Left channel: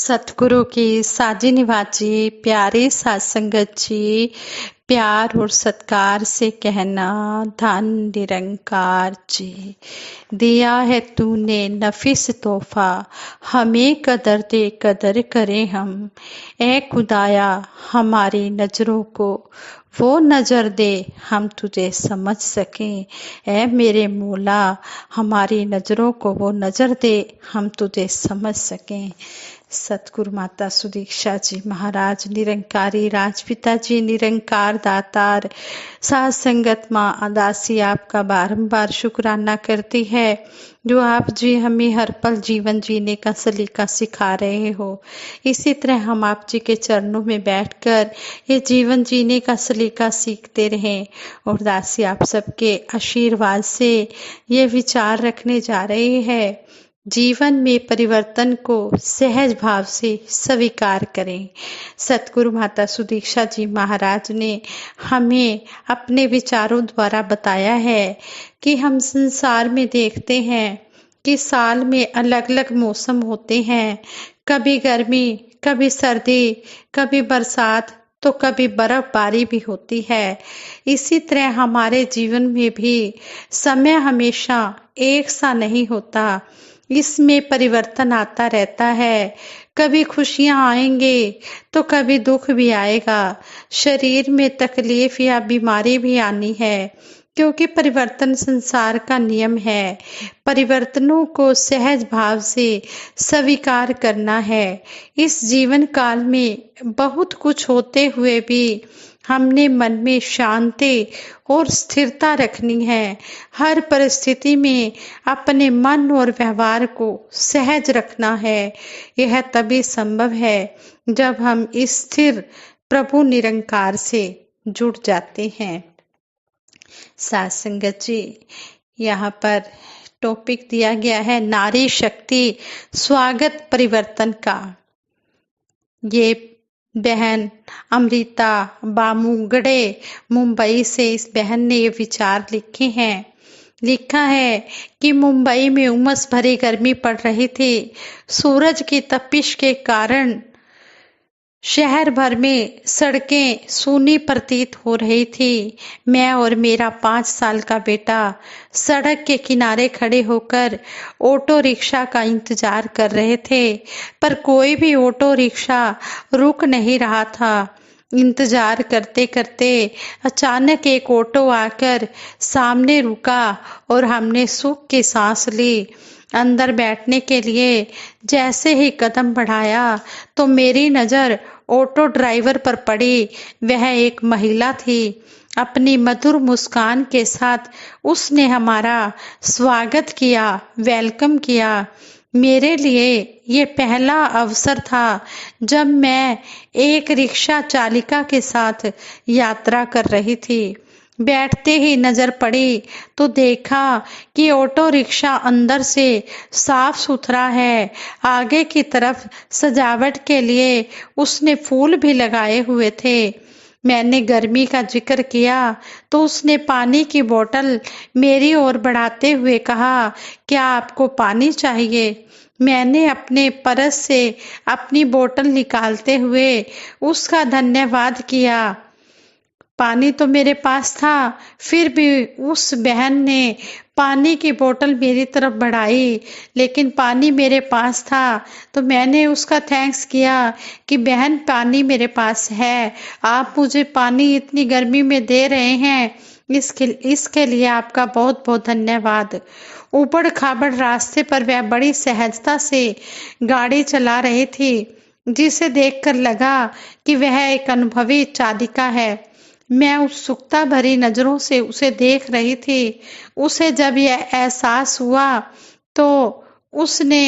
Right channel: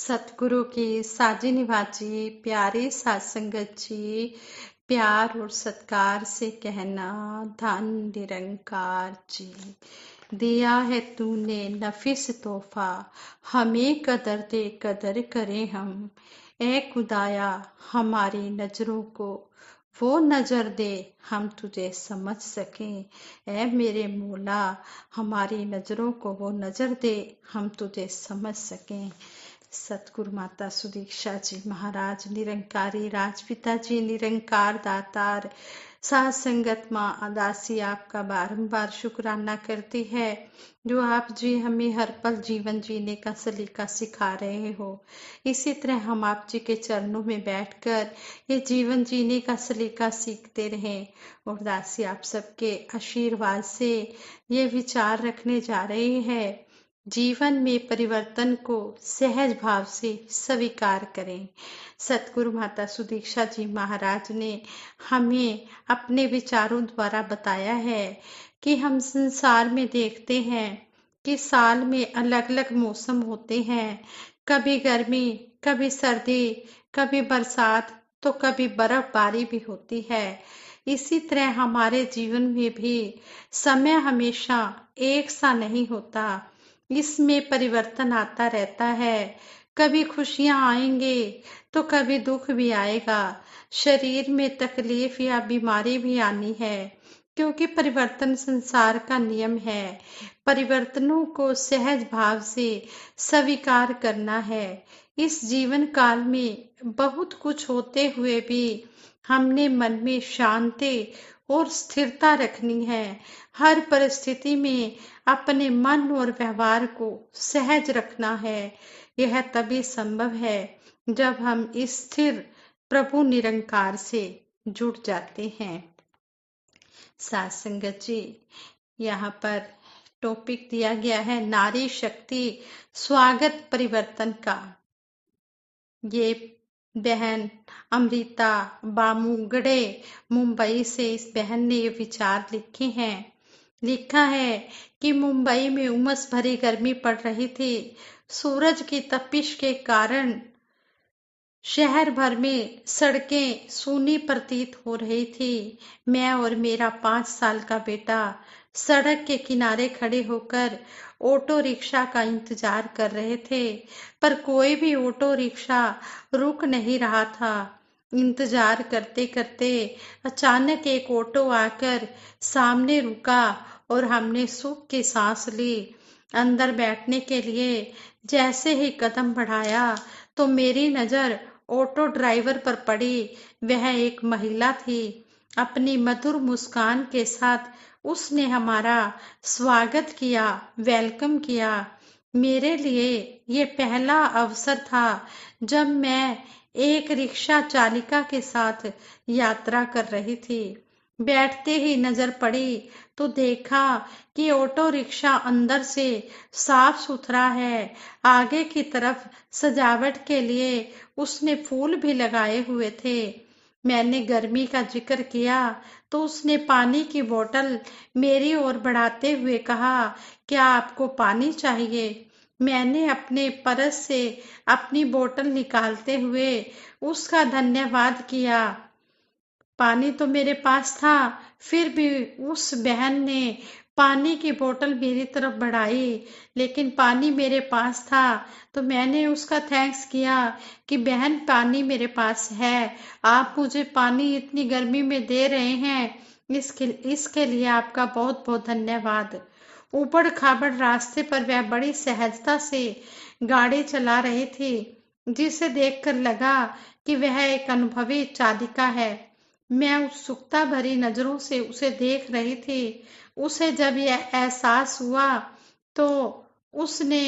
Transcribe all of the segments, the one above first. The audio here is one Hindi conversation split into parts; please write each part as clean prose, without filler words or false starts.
सतगुरु की साजी निवाजी प्यारे साथ संगत जी, प्यार और सत्कार से कहना धन निरंकार जी। दिया है तूने नफिस तोहफा, हमें कदर दे कदर करें हम। ए खुदाया हमारी नजरों को वो नजर दे हम तुझे समझ सकें। ए मेरे मौला हमारी नजरों को वो नजर दे हम तुझे समझ सकें। सतगुरु माता सुदीक्षा जी महाराज निरंकारी राजपिता जी निरंकार दातार साध संगत माँ अदासी आपका बारंबार शुक्राना करती है जो आप जी हमें हर पल जीवन जीने का सलीका सिखा रहे हो। इसी तरह हम आप जी के चरणों में बैठकर ये जीवन जीने का सलीका सीखते रहें और दासी आप सबके आशीर्वाद से ये विचार रखने जा रहे हैं। जीवन में परिवर्तन को सहज भाव से स्वीकार करें। सतगुरु माता सुदीक्षा जी महाराज ने हमें अपने विचारों द्वारा बताया है कि हम संसार में देखते हैं कि साल में अलग अलग मौसम होते हैं, कभी गर्मी, कभी सर्दी, कभी बरसात तो कभी बर्फबारी भी होती है। इसी तरह हमारे जीवन में भी समय हमेशा एक सा नहीं होता, इसमें परिवर्तन आता रहता है। कभी खुशियां आएंगे तो कभी दुख भी आएगा, शरीर में तकलीफ या बीमारी भी आनी है, क्योंकि परिवर्तन संसार का नियम है। परिवर्तनों को सहज भाव से स्वीकार करना है। इस जीवन काल में बहुत कुछ होते हुए भी हमने मन में शांति और स्थिरता रखनी है। हर परिस्थिति में अपने मन और व्यवहार को सहज रखना है। यह तभी संभव है जब हम स्थिर प्रभु निरंकार से जुड़ जाते हैं। साथ संगत जी, यहाँ पर टॉपिक दिया गया है नारी शक्ति स्वागत परिवर्तन का। ये बहन अमृता बामुगड़े मुंबई से इस बहन ने ये विचार लिखे हैं। लिखा है कि मुंबई में उमस भरी गर्मी पड़ रही थी। सूरज की तपिश के कारण शहर भर में सड़कें सूनी प्रतीत हो रही थी। मैं और मेरा 5 साल का बेटा सड़क के किनारे खड़े होकर ऑटो रिक्शा का इंतजार कर रहे थे, पर कोई भी ऑटो रिक्शा रुक नहीं रहा था। इंतजार करते करते अचानक एक ऑटो आकर सामने रुका और हमने सुख की सांस ली। अंदर बैठने के लिए जैसे ही कदम बढ़ाया तो मेरी नजर ऑटो ड्राइवर पर पड़ी। वह एक महिला थी। अपनी मधुर मुस्कान के साथ उसने हमारा स्वागत किया, वेलकम किया। मेरे लिए ये पहला अवसर था जब मैं एक रिक्शा चालिका के साथ यात्रा कर रही थी। बैठते ही नजर पड़ी तो देखा कि ऑटो रिक्शा अंदर से साफ सुथरा है। आगे की तरफ सजावट के लिए उसने फूल भी लगाए हुए थे। मैंने गर्मी का जिक्र किया तो उसने पानी की बोतल मेरी ओर बढ़ाते हुए कहा, क्या आपको पानी चाहिए? मैंने अपने पर्स से अपनी बोतल निकालते हुए उसका धन्यवाद किया। पानी तो मेरे पास था, फिर भी उस बहन ने पानी की बोतल मेरी तरफ बढ़ाई, लेकिन पानी मेरे पास था तो मैंने उसका थैंक्स किया कि बहन पानी मेरे पास है, आप मुझे पानी इतनी गर्मी में दे रहे हैं, इसके लिए आपका बहुत बहुत धन्यवाद। ऊबड़ खाबड़ रास्ते पर वह बड़ी सहजता से गाड़ी चला रही थी, जिसे देखकर लगा कि वह एक अनुभवी चालिका है। मैं उत्सुकता भरी नजरों से उसे देख रही थी। उसे जब यह एहसास हुआ तो उसने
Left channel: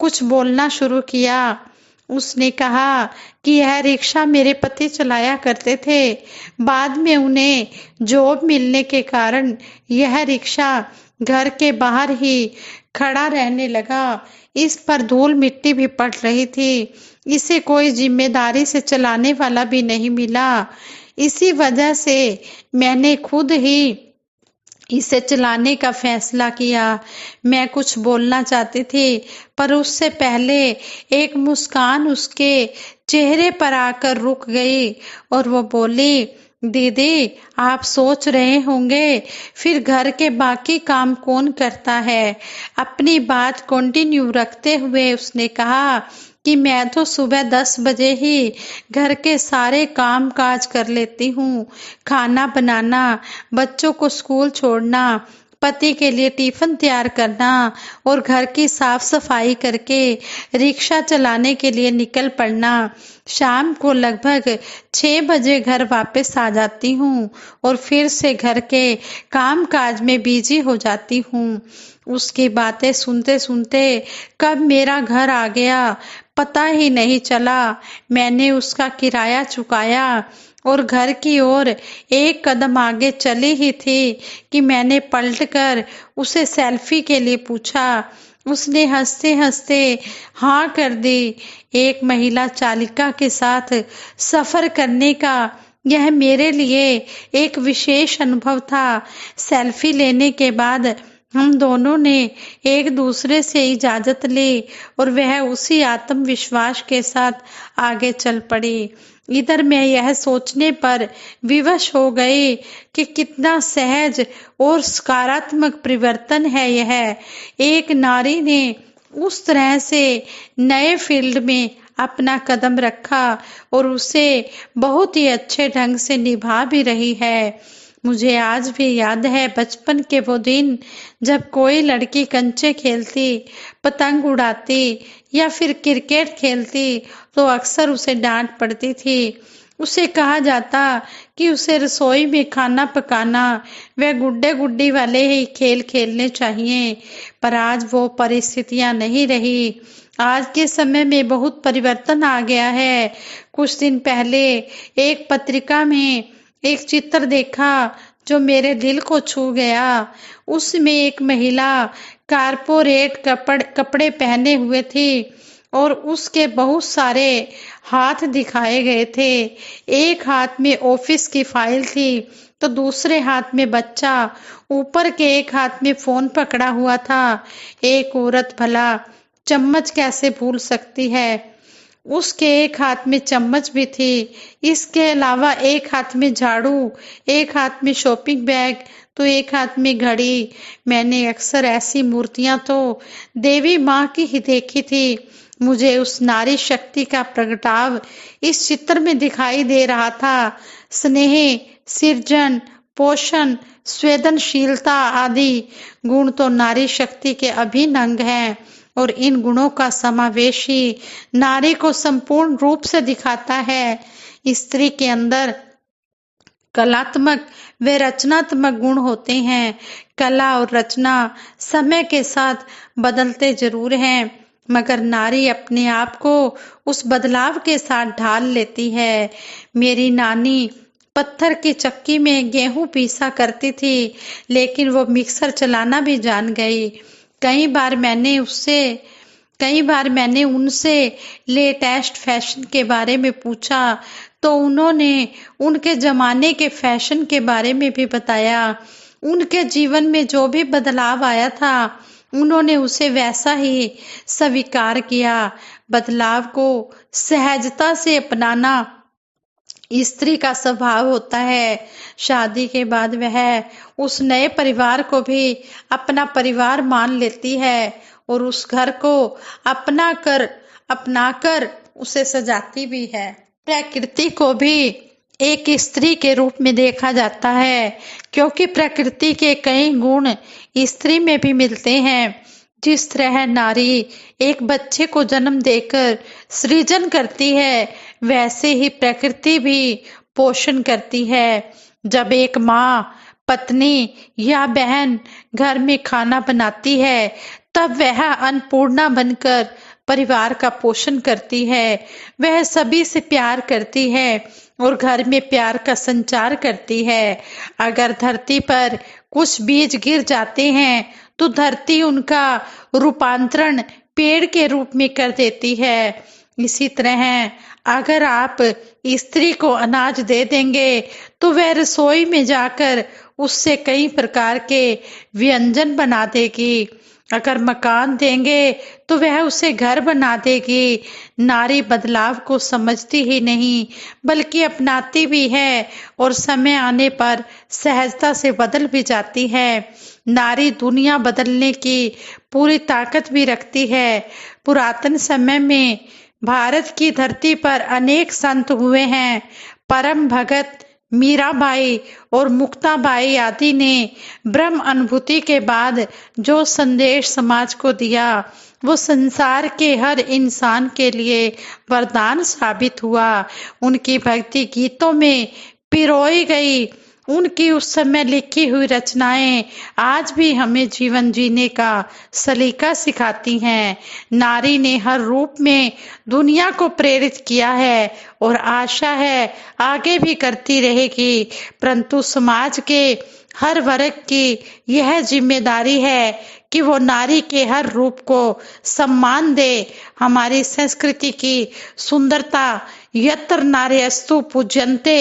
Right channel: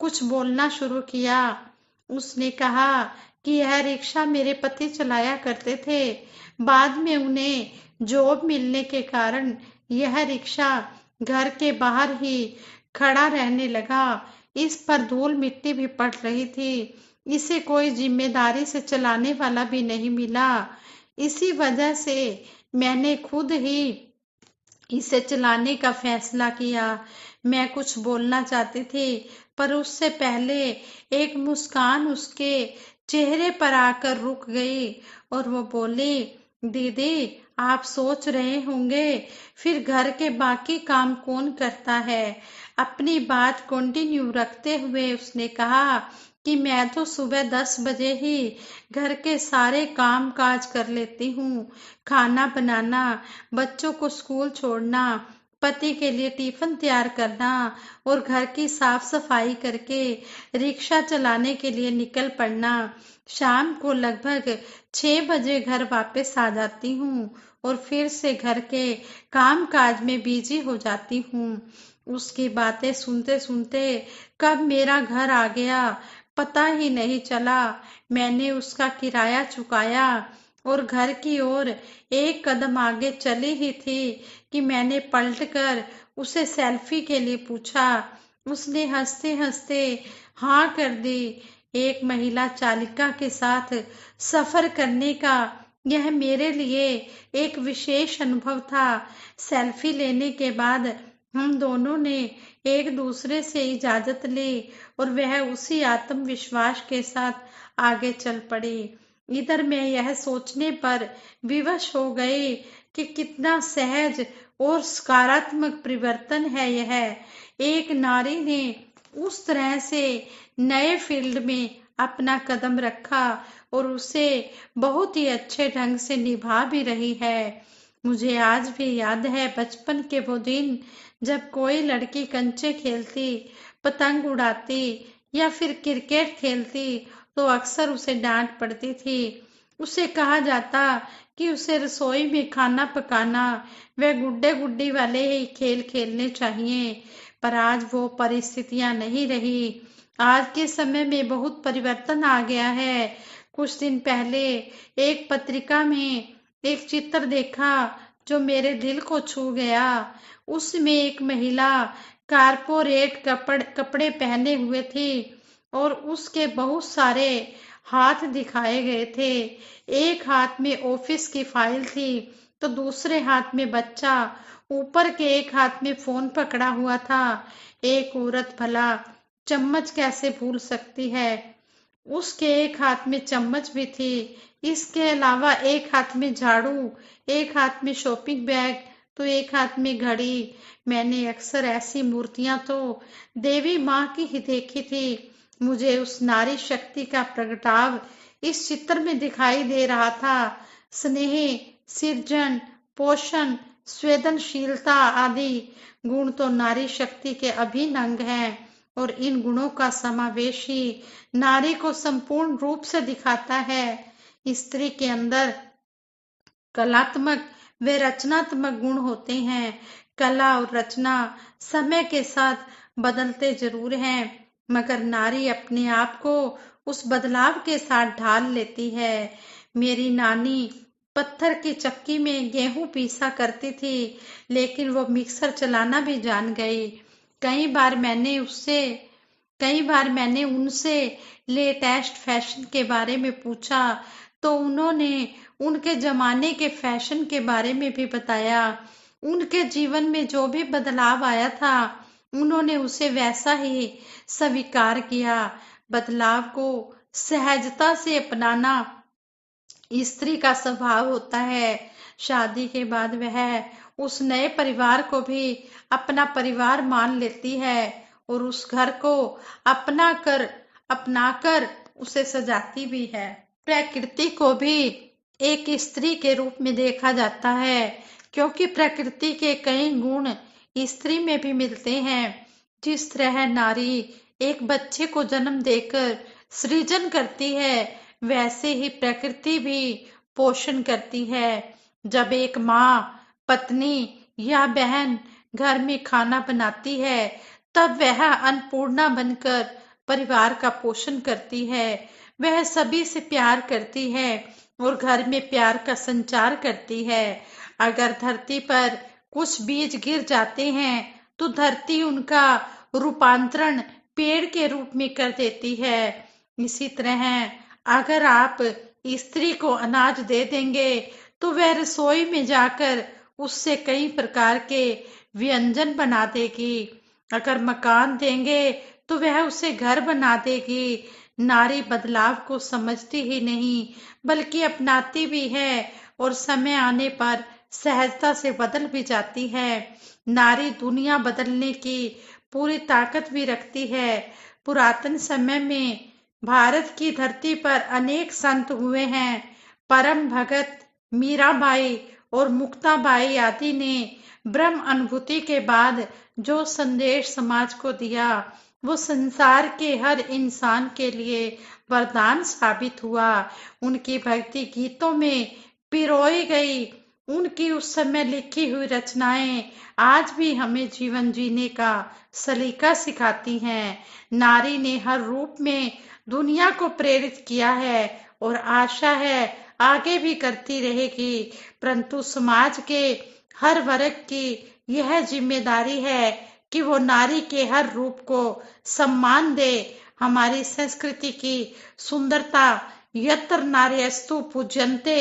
कुछ बोलना शुरू किया। उसने कहा कि यह रिक्शा मेरे पति चलाया करते थे, बाद में उन्हें जॉब मिलने के कारण यह रिक्शा घर के बाहर ही खड़ा रहने लगा। इस पर धूल मिट्टी भी पड़ रही थी। इसे कोई जिम्मेदारी से चलाने वाला भी नहीं मिला। इसी वजह से मैंने खुद ही इसे चलाने का फैसला किया। मैं कुछ बोलना चाहती थी, पर उससे पहले एक मुस्कान उसके चेहरे पर आकर रुक गई और वो बोली, दीदी आप सोच रहे होंगे फिर घर के बाकी काम कौन करता है। अपनी बात कंटिन्यू रखते हुए उसने कहा कि मैं तो सुबह 10 बजे ही घर के सारे काम काज कर लेती हूँ। खाना बनाना, बच्चों को स्कूल छोड़ना, पति के लिए टिफिन तैयार करना और घर की साफ सफाई करके रिक्शा चलाने के लिए निकल पड़ना। शाम को लगभग 6 बजे घर वापस आ जाती हूँ और फिर से घर के काम काज में बिजी हो जाती हूँ। उसकी बातें सुनते सुनते कब मेरा घर आ गया पता ही नहीं चला। मैंने उसका किराया चुकाया और घर की ओर एक कदम आगे चली ही थी कि मैंने पलटकर उसे सेल्फी के लिए पूछा। उसने हंसते हंसते हाँ कर दी। एक महिला चालिका के साथ सफर करने का यह मेरे लिए एक विशेष अनुभव था। सेल्फी लेने के बाद हम दोनों ने एक दूसरे से इजाजत ली और वह उसी आत्मविश्वास के साथ आगे चल पड़ी। इधर मैं यह सोचने पर विवश हो गई कि कितना सहज और सकारात्मक परिवर्तन है यह। एक नारी ने उस तरह से नए फील्ड में अपना कदम रखा और उसे बहुत ही अच्छे ढंग से निभा भी रही है। मुझे आज भी याद है बचपन के वो दिन जब कोई लड़की कंचे खेलती, पतंग उड़ाती या फिर क्रिकेट खेलती तो अक्सर उसे डांट पड़ती थी। उसे कहा जाता कि उसे रसोई में खाना पकाना व गुड्डे गुड्डी वाले ही खेल खेलने चाहिए। पर आज वो परिस्थितियां नहीं रही। आज के समय में बहुत परिवर्तन आ गया है। कुछ दिन पहले एक पत्रिका में एक चित्र देखा जो मेरे दिल को छू गया। उसमें एक महिला कारपोरेट कपड़े पहने हुए थी और उसके बहुत सारे हाथ दिखाए गए थे। एक हाथ में ऑफिस की फाइल थी तो दूसरे हाथ में बच्चा, ऊपर के एक हाथ में फोन पकड़ा हुआ था। एक औरत भला चम्मच कैसे भूल सकती है। उसके एक हाथ में चम्मच भी थी। इसके अलावा एक हाथ में झाड़ू, एक हाथ में शॉपिंग बैग तो एक हाथ में घड़ी। मैंने अक्सर ऐसी मूर्तियां तो देवी माँ की ही देखी थी। मुझे उस नारी शक्ति का प्रगटाव इस चित्र में दिखाई दे रहा था। स्नेह, सृजन, पोषण, संवेदनशीलता आदि गुण तो नारी शक्ति के अभिन्न अंग हैं और इन गुणों का समावेश ही नारी को संपूर्ण रूप से दिखाता है। स्त्री के अंदर कलात्मक व रचनात्मक गुण होते हैं। कला और रचना समय के साथ बदलते जरूर हैं, मगर नारी अपने आप को उस बदलाव के साथ ढाल लेती है। मेरी नानी पत्थर की चक्की में गेहूं पीसा करती थी, लेकिन वो मिक्सर चलाना भी जान गई। कई बार मैंने उनसे लेटेस्ट फैशन के बारे में पूछा तो उन्होंने उनके जमाने के फैशन के बारे में भी बताया। उनके जीवन में जो भी बदलाव आया था उन्होंने उसे वैसा ही स्वीकार किया। बदलाव को सहजता से अपनाना स्त्री का स्वभाव होता है। शादी के बाद वह उस नए परिवार को भी अपना परिवार मान लेती है और उस घर को अपनाकर उसे सजाती भी है। प्रकृति को भी एक स्त्री के रूप में देखा जाता है, क्योंकि प्रकृति के कई गुण स्त्री में भी मिलते हैं। जिस तरह नारी एक बच्चे को जन्म देकर सृजन करती है, वैसे ही प्रकृति भी पोषण करती है। जब एक माँ, पत्नी या बहन घर में खाना बनाती है, तब वह अन्नपूर्णा बनकर परिवार का पोषण करती है। वह सभी से प्यार करती है और घर में प्यार का संचार करती है। अगर धरती पर कुछ बीज गिर जाते हैं तो धरती उनका रूपांतरण पेड़ के रूप में कर देती है। इसी तरह अगर आप स्त्री को अनाज दे देंगे तो वह रसोई में जाकर उससे कई प्रकार के व्यंजन बना देगी। अगर मकान देंगे तो वह उसे घर बना देगी। नारी बदलाव को समझती ही नहीं बल्कि अपनाती भी है और समय आने पर सहजता से बदल भी जाती है। नारी दुनिया बदलने की पूरी ताकत भी रखती है। पुरातन समय में भारत की धरती पर अनेक संत हुए हैं। परम भगत मीराबाई और मुक्ताबाई आदि ने ब्रह्म अनुभूति के बाद जो संदेश समाज को दिया वो संसार के हर इंसान के लिए वरदान साबित हुआ। उनकी भक्ति गीतों में पिरोई गई। उनकी उस समय लिखी हुई रचनाएं आज भी हमें जीवन जीने का सलीका सिखाती हैं। नारी ने हर रूप में दुनिया को प्रेरित किया है और आशा है आगे भी करती रहेगी। परंतु समाज के हर वर्ग की यह जिम्मेदारी है कि वो नारी के हर रूप को सम्मान दे। हमारी संस्कृति की सुंदरता यत्र नार्यस्तु पूज्यन्ते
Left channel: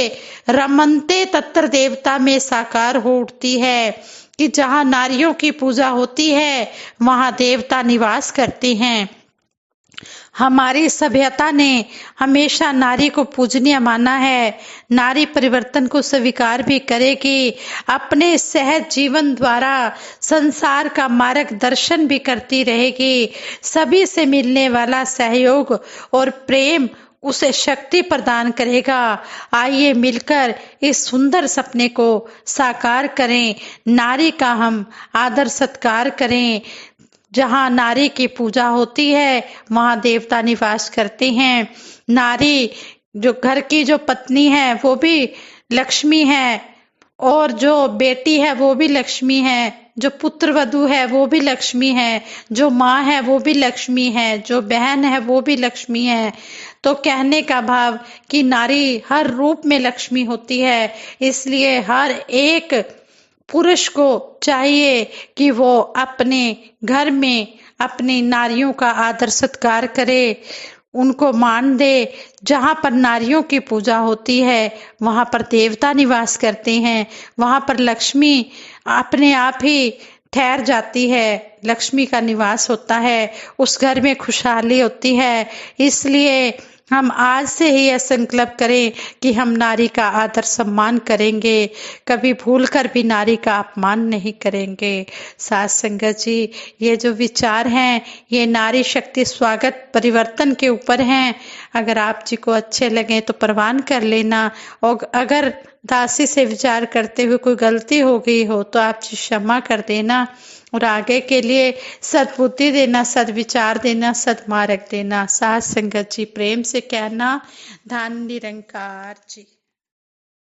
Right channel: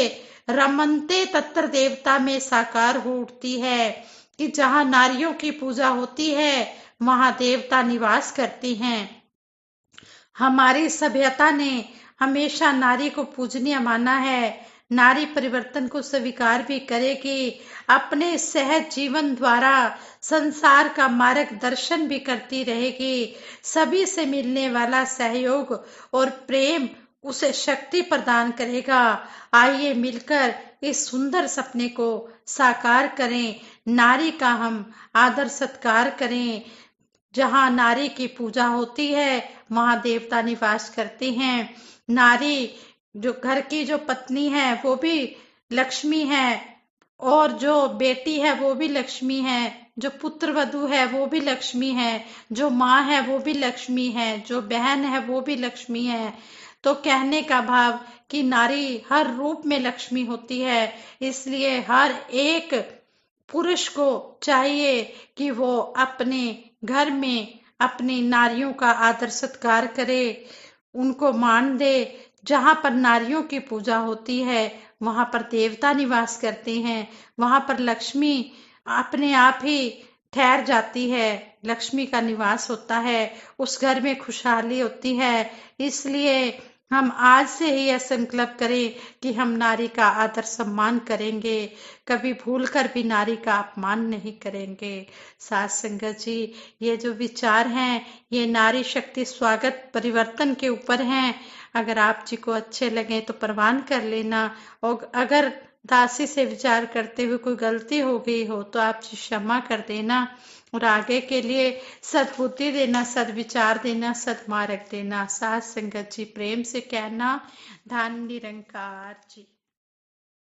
रमन्ते तत्र देवता में साकार हो उठती है कि जहाँ नारियों की पूजा होती है वहाँ देवता निवास करते हैं। हमारी सभ्यता ने हमेशा नारी को पूजनीय माना है। नारी परिवर्तन को स्वीकार भी करेगी। अपने सहज जीवन द्वारा संसार का मार्गदर्शन भी करती रहेगी। सभी से मिलने वाला सहयोग और प्रेम उसे शक्ति प्रदान करेगा। आइए मिलकर इस सुंदर सपने को साकार करें। नारी का हम आदर सत्कार करें। जहाँ नारी की पूजा होती है वहाँ देवता निवास करते हैं। नारी जो घर की जो पत्नी है वो भी लक्ष्मी है और जो बेटी है वो भी लक्ष्मी है, जो पुत्र वधू है वो भी लक्ष्मी है, जो माँ है वो भी लक्ष्मी है, जो बहन है वो भी लक्ष्मी है। तो कहने का भाव कि नारी हर रूप में लक्ष्मी होती है। इसलिए हर एक पुरुष को चाहिए कि वो अपने घर में अपनी नारियों का आदर सत्कार करे, उनको मान दे। जहाँ पर नारियों की पूजा होती है वहाँ पर देवता निवास करते हैं, वहाँ पर लक्ष्मी अपने आप ही ठहर जाती है, लक्ष्मी का निवास होता है, उस घर में खुशहाली होती है। इसलिए हम आज से ही यह संकल्प करें कि हम नारी का आदर सम्मान करेंगे, कभी भूलकर भी नारी का अपमान नहीं करेंगे। साथ संगत जी, ये जो विचार हैं ये नारी शक्ति स्वागत परिवर्तन के ऊपर हैं। अगर आप जी को अच्छे लगे तो प्रवान कर लेना और अगर दासी से विचार करते हुए कोई गलती हो गई हो तो आप जी क्षमा कर देना और आगे के लिए सद्बुद्धि देना, सद्विचार देना, सद्मार्ग देना। साथ संगत जी प्रेम से कहना। धन निरंकार जी।